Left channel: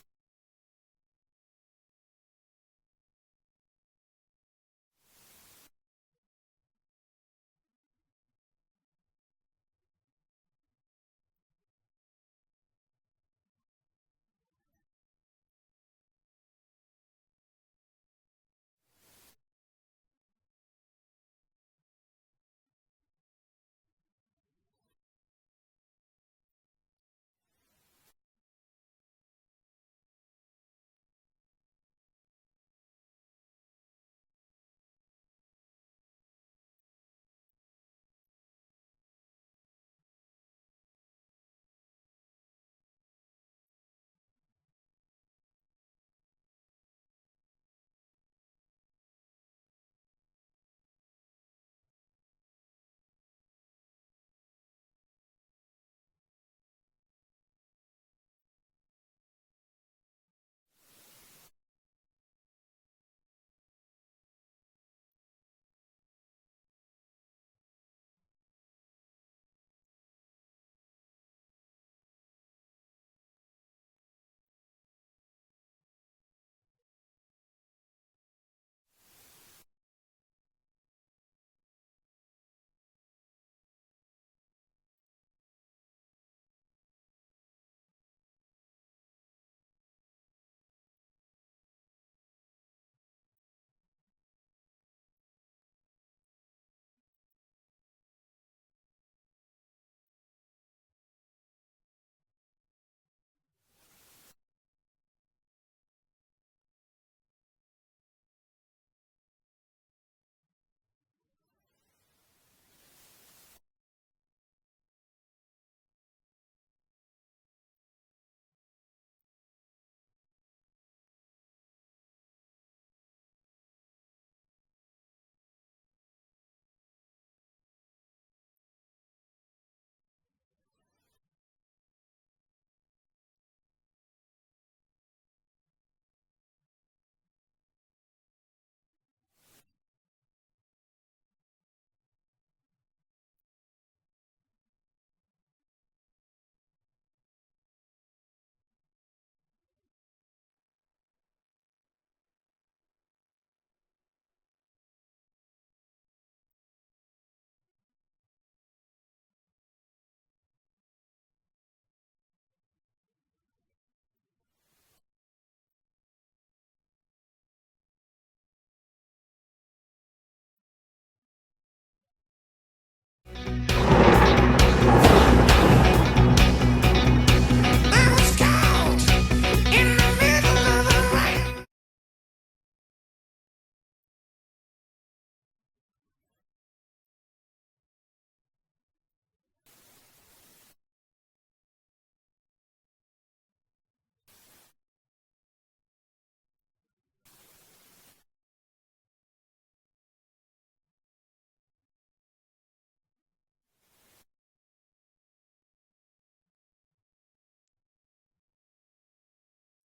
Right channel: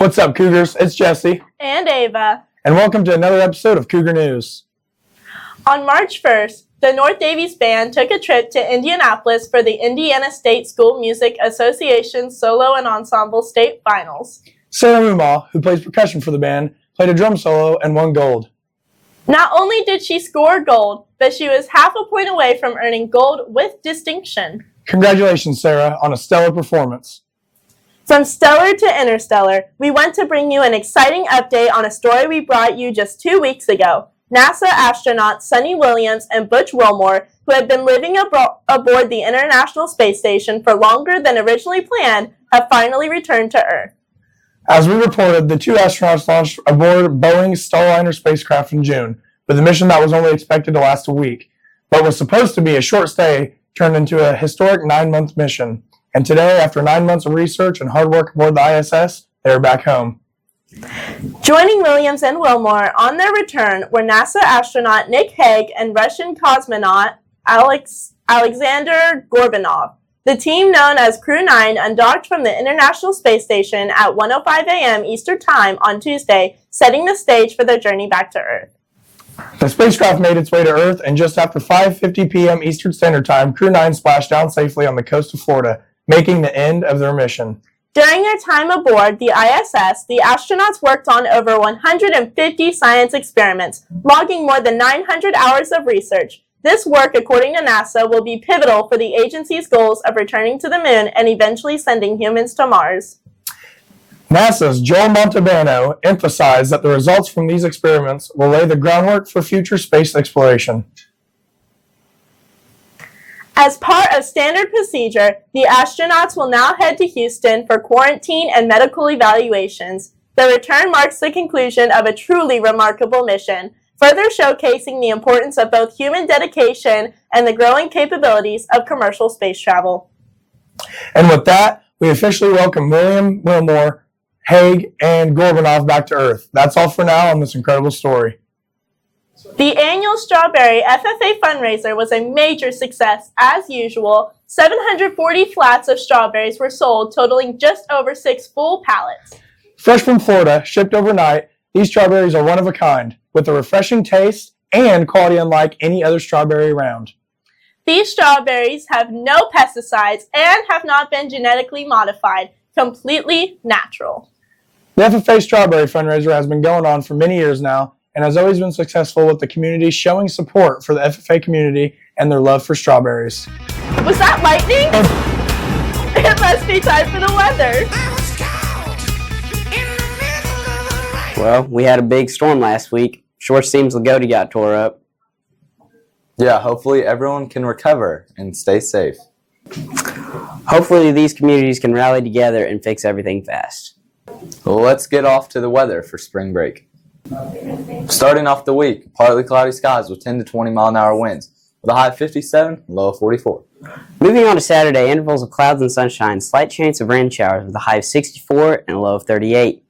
What's up, Cougars? It's Jesse. And Ava. And welcome to another episode of Cougar News. On March 1st, the North Daviess Band took a trip to Indianapolis for the Indiana State School Music Association Solo and Ensemble State Finals. Sarah Mumaw, who plays percussion for the band, played a drum solo and won gold. Not only did she score gold, but she was half a point away from earning gold with distinction. Congratulations, Sarah, on a stellar performance. From stellar to interstellar, we want to bring you an exciting update on a story we brought you just 2 weeks ago. NASA astronauts Sunny Williams and Butch Wilmore, who had been living aboard the International Space Station for longer than originally planned, have finally returned to Earth. As we reported, the two astronauts launched aboard Boeing's Starliner spacecraft in June, with a mission that was only expected to last a week, but was supposed to be a short stay turned into a historic 9-month mission. And today, after 9 months of research and hard work aboard the ISS, they are back home. Joining Williams and Wilmore on their return were NASA astronaut Nick Hague and Russian cosmonaut Alexander Gorbanov. The team, known as Crew 9, undocked from the International Space Station at 1:05 a.m. Eastern Time on Tuesday, setting the stage for their journey back to Earth. The spacecraft made its way to Earth, and just after 5:50 p.m. Eastern Standard Time, Crew 9 splashed down safely on the coast of Florida, making the end of their mission. During their time aboard the ISS, the astronauts worked on over 150 science experiments, logging more than 900 hours of research. This work, according to NASA, will be pivotal for the agency's goals of returning to the moon and eventually sending humans to Mars. NASA's Joel Montalbano emphasized that the results from these experiments will lay the groundwork for future space exploration. As part of standard procedure, the astronauts will now head to Houston for quarantine and medical evaluations. The return marks the conclusion of a truly remarkable mission, further showcasing the importance of both human dedication and the growing capabilities of commercial space travel. And with that, we officially welcome William, Wilmore, Hague, and Gorbanov back to Earth. That's all for now on this incredible story. The annual Strawberry FFA fundraiser was a major success. As usual, 740 flats of strawberries were sold, totaling just over 6 full pallets. Fresh from Florida, shipped overnight, these strawberries are one of a kind, with a refreshing taste and quality unlike any other strawberry around. These strawberries have no pesticides and have not been genetically modified, completely natural. The FFA Strawberry fundraiser has been going on for many years now, and has always been successful, with the community showing support for the FFA community and their love for strawberries. Was that lightning? It must be time for the weather. Well, we had a big storm last week. Sure seems Lagodi got tore up. Yeah, hopefully everyone can recover and stay safe. Hopefully these communities can rally together and fix everything fast. Well, let's get off to the weather for spring break. Starting off the week, partly cloudy skies with 10 to 20 mile an hour winds, with a high of 57 and low of 44. Moving on to Saturday, intervals of clouds and sunshine, slight chance of rain showers with a high of 64 and a low of 38.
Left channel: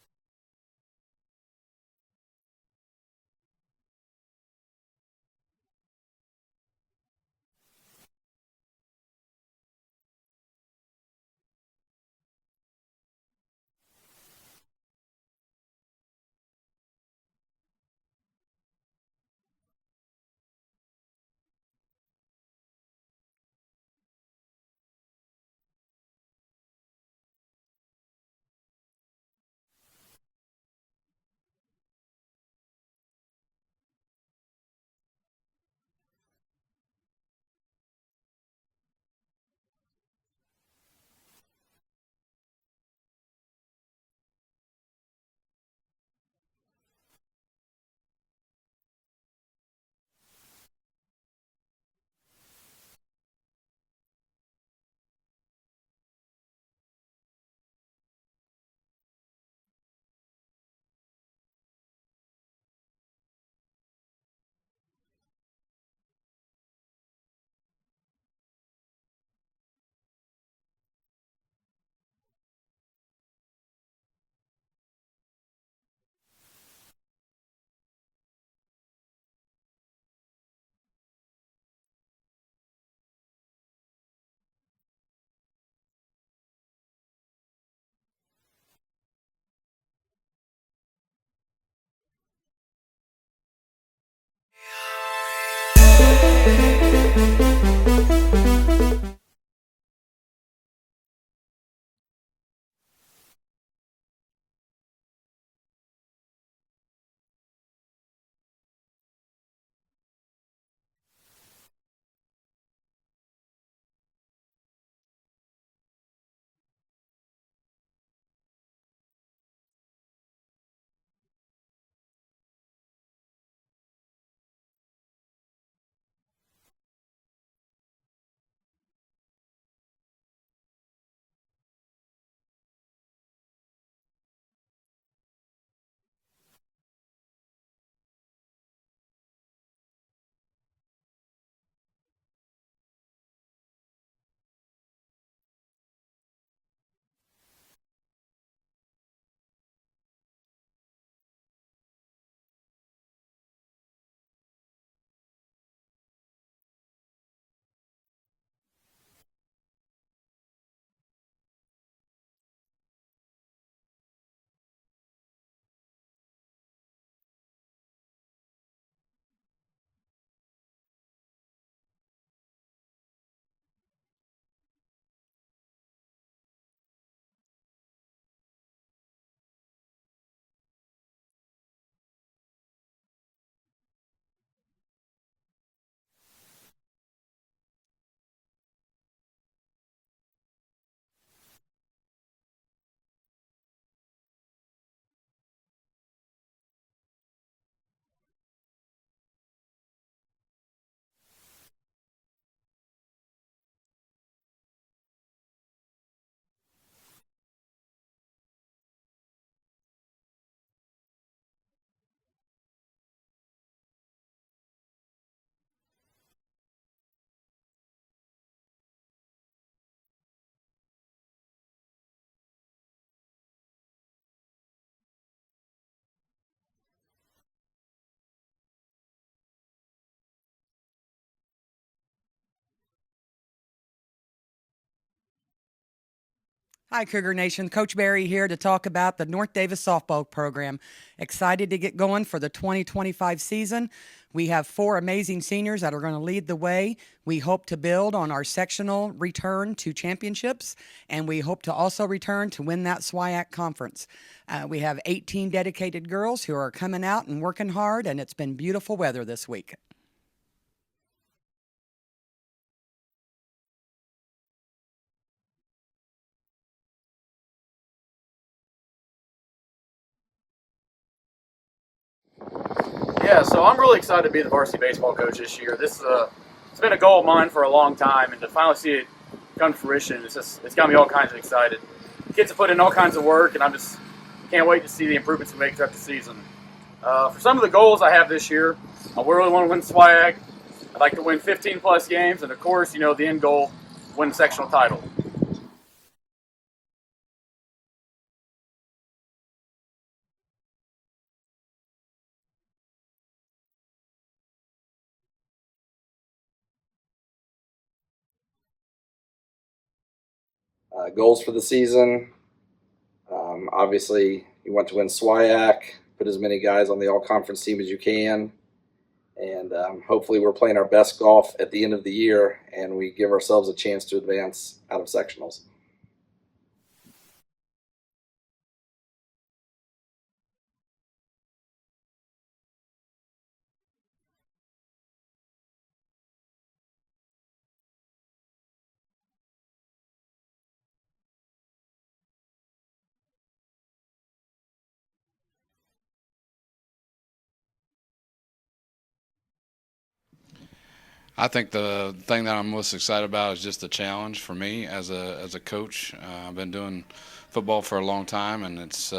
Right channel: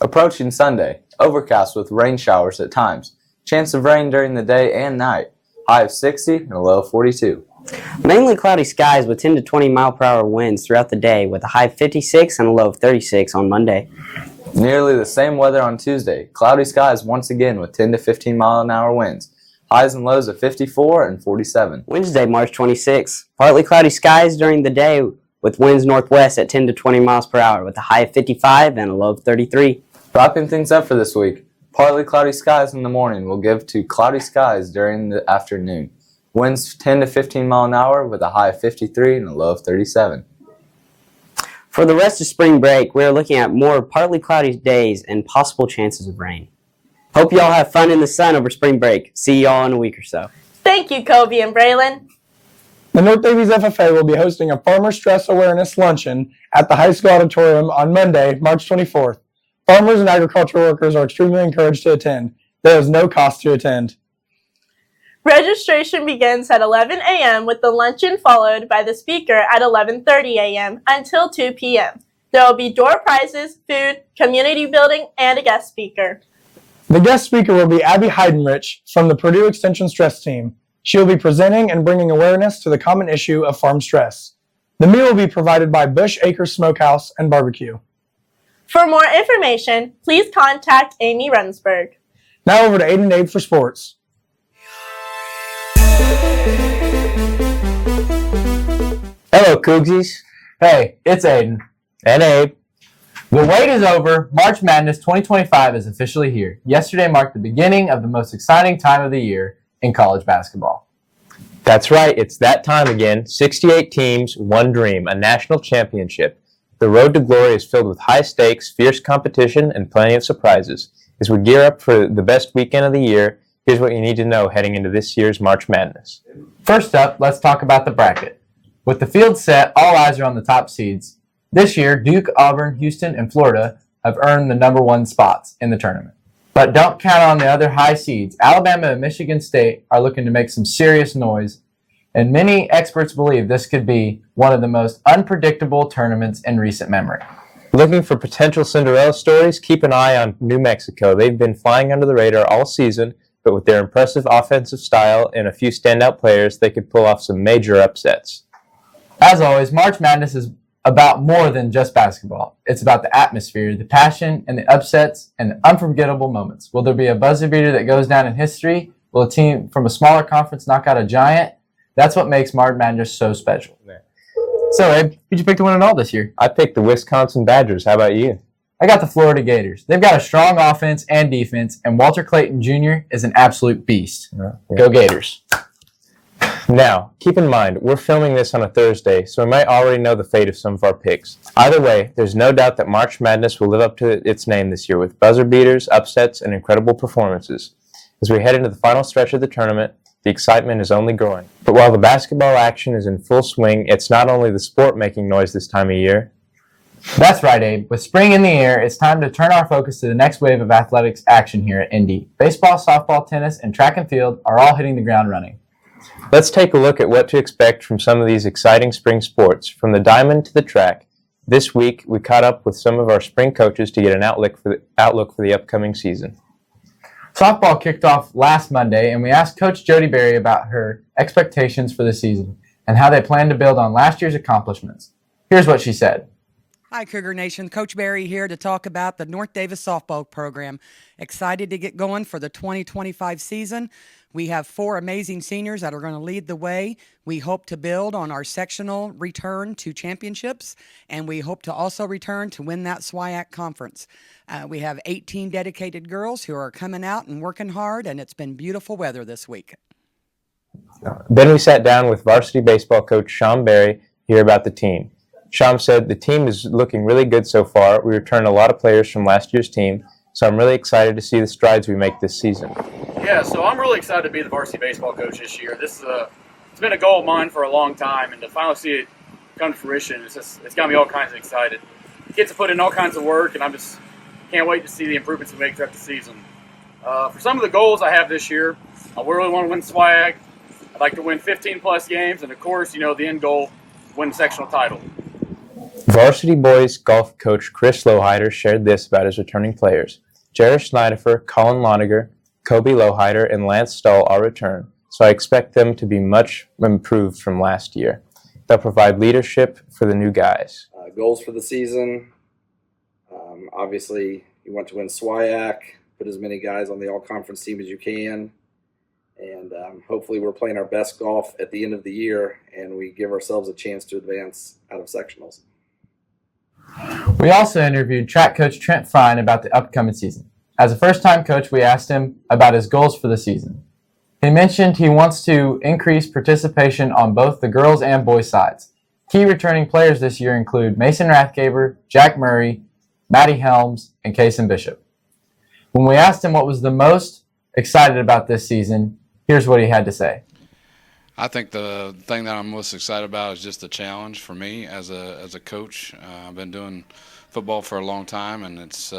Approaching Sunday, overcast with rain showers at times, chance of rain during the day and night, high of 60 and a low of 42. Mainly cloudy skies with 10 to 20 mile per hour winds throughout the day with a high of 56 and a low of 36 on Monday. Nearly the same weather on Tuesday, cloudy skies once again with 10 to 15 mile an hour winds, highs and lows of 54 and 47. Wednesday, March 26, partly cloudy skies during the day with winds northwest at 10 to 20 miles per hour with a high of 55 and a low of 33. Wrapping things up for this week, partly cloudy skies in the morning will give to cloudy skies during the afternoon. Winds 10 to 15 mile an hour with a high of 53 and a low of 37. For the rest of spring break, we are looking at more partly cloudy days and possible chances of rain. Hope you all have fun in the sun over spring break. See you all in a week or so. Thank you, Kobe and Braylon. The North Daviess FFA will be hosting a Farmer Stress Awareness Luncheon at the high school auditorium on Monday, March 24th. Farmers and agricultural workers are extremely encouraged to attend. There is no cost to attend. Registration begins at 11 a.m. with the luncheon followed by the speaker at 11:30 a.m. until 2 p.m. There will be door prizes, food, community building, and a guest speaker. The guest speaker will be Abby Heidenrich from the Purdue Extension Stress Team. She will be presenting and bringing awareness to the common issue of farm stress. The meal will be provided by Bush Acres Smokehouse and Barbecue. For more information, please contact Amy Rensburg. Now over to Aiden and Abe for sports. Hello, Cougsies. Hey, it's Aiden. And Abe. The wait is over. March Madness 2025 is officially here. Yesterday marked the beginning of the most exciting time of the year in college basketball. That's right, it's that time again. 68 teams, one dream, a national championship. The road to glory is filled with high stakes, fierce competition, and plenty of surprises. As we gear up for the best weekend of the year, here's what you need to know heading into this year's March Madness. First up, let's talk about the bracket. With the field set, all eyes are on the top seeds. This year, Duke, Auburn, Houston, and Florida have earned the number one spots in the tournament. But don't count on the other high seeds. Alabama and Michigan State are looking to make some serious noise, and many experts believe this could be one of the most unpredictable tournaments in recent memory. Looking for potential Cinderella stories? Keep an eye on New Mexico. They've been flying under the radar all season, but with their impressive offensive style and a few standout players, they could pull off some major upsets. As always, March Madness is about more than just basketball. It's about the atmosphere, the passion, and the upsets, and the unforgettable moments. Will there be a buzzer beater that goes down in history? Will a team from a smaller conference knock out a giant? That's what makes March Madness so special. So, Abe, who'd you pick to win it all this year? I picked the Wisconsin Badgers. How about you? I got the Florida Gators. They've got a strong offense and defense, and Walter Clayton Jr. is an absolute beast. Go Gators. Now, keep in mind, we're filming this on a Thursday, so we might already know the fate of some of our picks. Either way, there's no doubt that March Madness will live up to its name this year with buzzer beaters, upsets, and incredible performances. As we head into the final stretch of the tournament, the excitement is only growing. But while the basketball action is in full swing, it's not only the sport making noise this time of year. That's right, Abe. With spring in the air, it's time to turn our focus to the next wave of athletics action here at Indy. Baseball, softball, tennis, and track and field are all hitting the ground running. Let's take a look at what to expect from some of these exciting spring sports. From the diamond to the track, this week we caught up with some of our spring coaches to get an outlook for the upcoming season. Softball kicked off last Monday, and we asked Coach Jody Berry about her expectations for the season and how they plan to build on last year's accomplishments. Here's what she said. Hi, Cougar Nation. Coach Berry here to talk about the North Daviess softball program. Excited to get going for the 2025 season. We have 4 amazing seniors that are going to lead the way. We hope to build on our sectional return to championships, and we hope to also return to win that SWIAC conference. We have 18 dedicated girls who are coming out and working hard, and it's been beautiful weather this week. Then we sat down with varsity baseball coach Sean Berry to hear about the team. Sean said the team is looking really good so far. We returned a lot of players from last year's team, so I'm really excited to see the strides we make this season. Yeah, so I'm really excited to be the varsity baseball coach this year. It's been a goal of mine for a long time, and to finally see it come to fruition, it's got me all kinds of excited. Kids have put in all kinds of work, and I just can't wait to see the improvements we make throughout the season. For some of the goals I have this year, I really want to win SWIAC. I'd like to win 15-plus games, and of course, the end goal, win the sectional title. Varsity boys golf coach Chris Loheider shared this about his returning players. Jared Schneiderfer, Colin Loniger, Kobe Loheider, and Lance Stahl all return, so I expect them to be much improved from last year. They'll provide leadership for the new guys. Goals for the season, obviously you want to win SWIAC, put as many guys on the all-conference team as you can, and hopefully we're playing our best golf at the end of the year and we give ourselves a chance to advance out of sectionals. We also interviewed track coach Trent Fine about the upcoming season. As a first-time coach, we asked him about his goals for the season. He mentioned he wants to increase participation on both the girls and boys sides. Key returning players this year include Mason Rathgaber, Jack Murray, Matty Helms, and Kason Bishop. When we asked him what was the most excited about this season, here's what he had to say. I think the thing that I'm most excited about is just the challenge for me as a coach. I've been doing football for a long time, and it's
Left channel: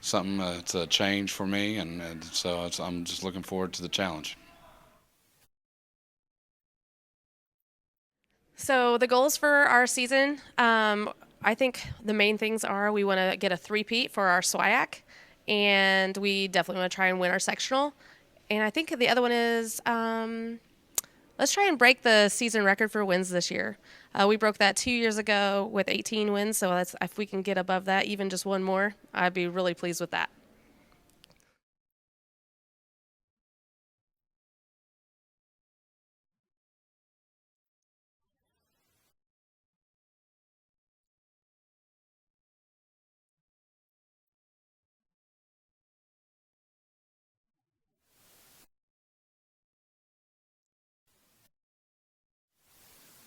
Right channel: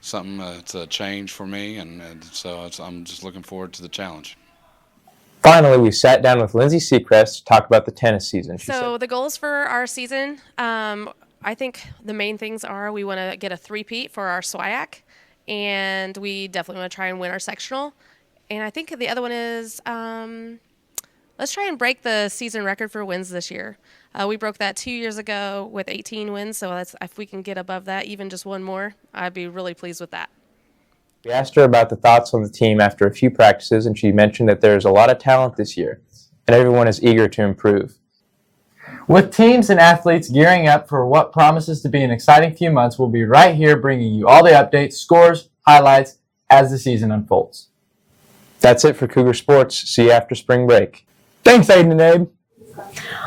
something that's a change for me, and so I'm just looking forward to the challenge. Finally, we sat down with Lindsay Seacrest to talk about the tennis season. So the goals for our season, I think the main things are we want to get a three-peat for our SWIAC, and we definitely want to try and win our sectional. And I think the other one is let's try and break the season record for wins this year. We broke that 2 years ago with 18 wins, so if we can get above that, even just one more, I'd be really pleased with that. We asked her about the thoughts on the team after a few practices, and she mentioned that there's a lot of talent this year, and everyone is eager to improve. With teams and athletes gearing up for what promises to be an exciting few months, we'll be right here bringing you all the updates, scores, highlights as the season unfolds. That's it for Cougar Sports. See you after spring break. Thanks, Aiden and Abe.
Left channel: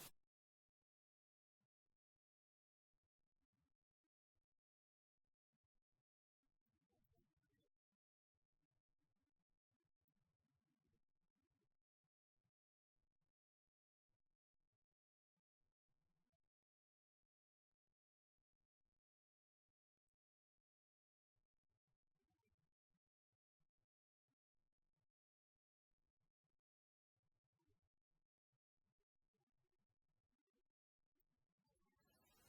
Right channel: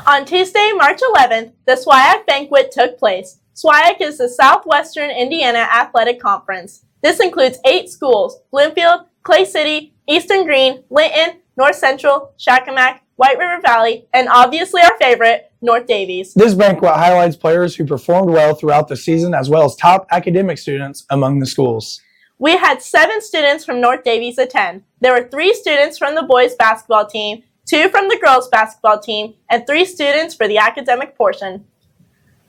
On Tuesday, March 11th, the SWIAC banquet took place. SWIAC is the Southwestern Indiana Athletic Conference. This includes 8 schools: Bloomfield, Clay City, Eastern Green, Linton, North Central, Shakamak, White River Valley, and obviously our favorite, North Daviess. This banquet highlights players who performed well throughout the season, as well as top academic students among the schools. We had 7 students from North Daviess attend. There were 3 students from the boys basketball team, 2 from the girls basketball team, and 3 students for the academic portion.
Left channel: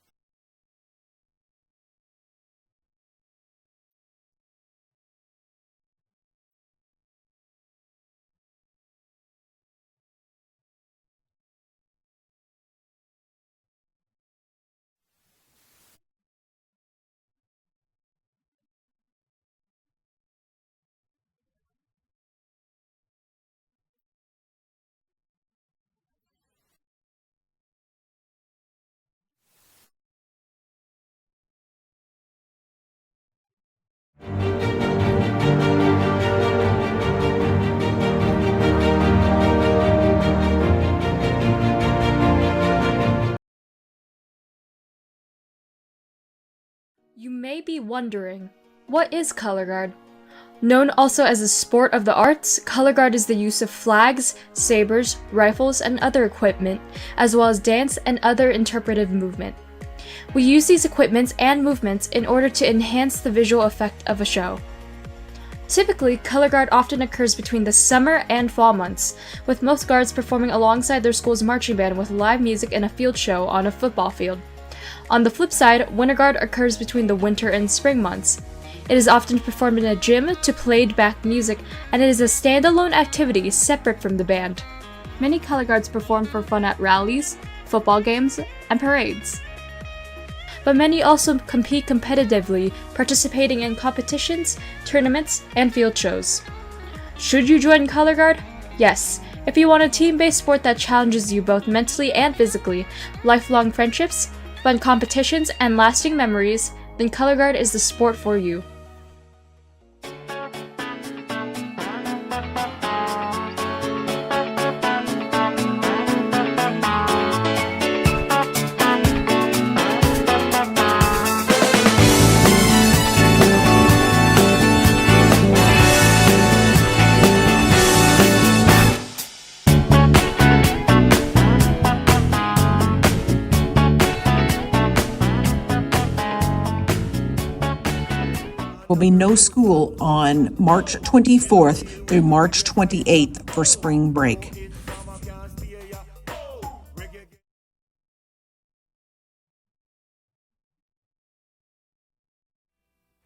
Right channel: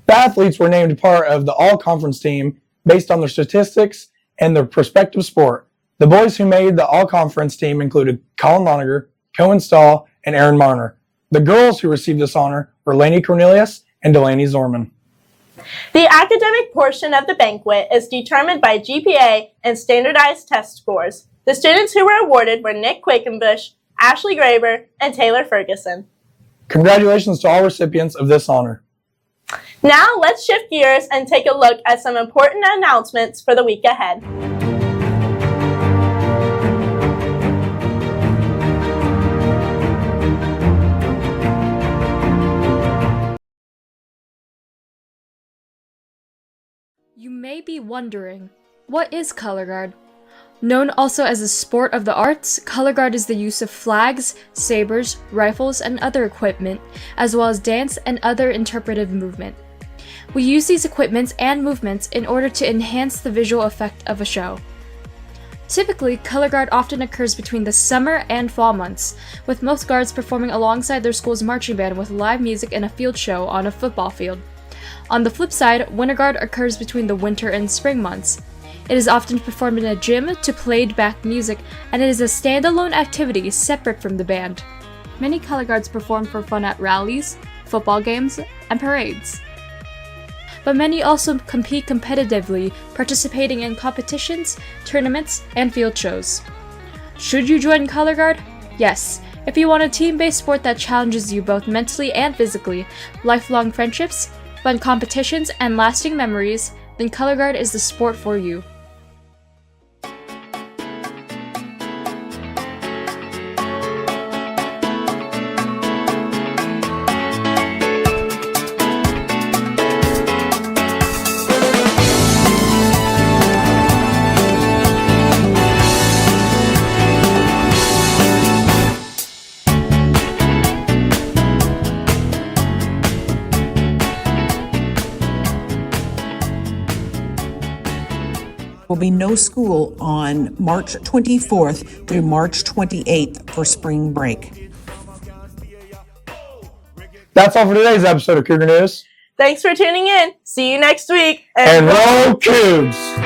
The athletes were named part of the all-conference team based on their statistics and their prospective sport. The boys who made the all-conference team included Colin Loniger, Cohen Stahl, and Aaron Marner. The girls who received this honor were Lainey Cornelius and Delaney Zorman. The academic portion of the banquet is determined by GPA and standardized test scores. The students who were awarded were Nick Quakenbush, Ashley Graber, and Taylor Ferguson. Congratulations to all recipients of this honor. Now let's shift gears and take a look at some important announcements for the week ahead. You may be wondering, what is color guard? Known also as a sport of the arts, color guard is the use of flags, sabers, rifles, and other equipment, as well as dance and other interpretive movement. We use these equipments and movements in order to enhance the visual effect of a show. Typically, color guard often occurs between the summer and fall months, with most guards performing alongside their school's marching band with live music and a field show on a football field. On the flip side, winter guard occurs between the winter and spring months. It is often performed in a gym to played-back music, and it is a standalone activity separate from the band. Many color guards perform for fun at rallies, football games, and parades. But many also compete competitively, participating in competitions, tournaments, and field shows. Should you join color guard? Yes, if you want a team-based sport that challenges you both mentally and physically, lifelong friendships, fun competitions, and lasting memories, then color guard is the sport for you. Will be no school on March 24th through March 28th for spring break. That's all for today's episode of Cougar News. Thanks for tuning in. See you next week. And roll Cougs!